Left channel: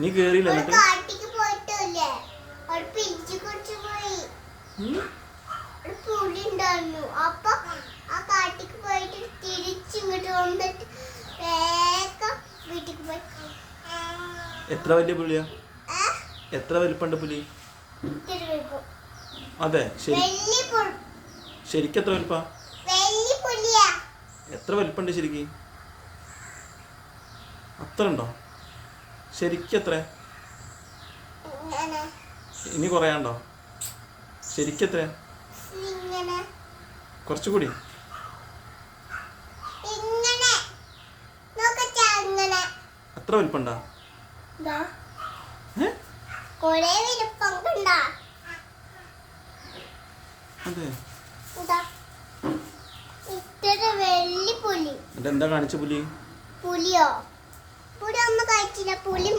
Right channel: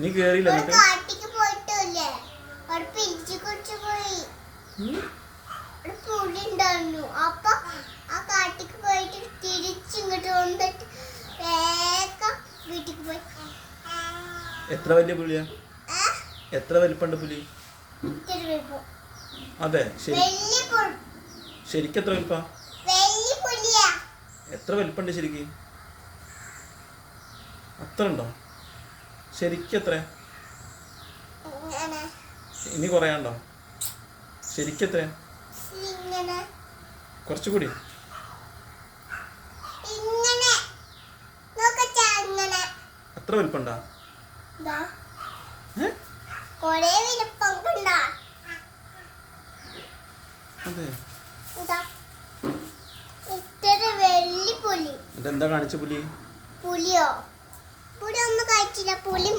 നീ കേറിയില്ല കാട്ടിക്ക് പോയിട്ടില്ലേ അവിടെ പിടിച്ചു കുടിച്ചു പോയി പുലി ഉണ്ടായിരുന്നു അപ്പൊ ആ കാട്ടിക്ക് പോയിട്ട് തിരിച്ചിങ്ങോട്ട് വന്നിട്ട് വേഗം വീട്ടിക്ക് പോയി. എത്ര വലിയ പുലിയാ? എത്ര വലിപ്പുണ്ട് പുലി? അതെ ശരിക്കും എത്ര വലിപ്പാ? എത്ര വലിപ്പുണ്ട് ശരിക്കും? അത്ര ഉണ്ടോ ശരിക്കും? എത്ര ഇനി കുറയാണ്ടോ? ശരിക്കും എത്ര? കുറച്ചുകൂടി അത്ര വലിപ്പുണ്ടാ? അതെ ഇതെന്താ കാണിച്ച പുലി? പുലിയോ പുലി ഒന്നും കഴിച്ചില്ല. പുലി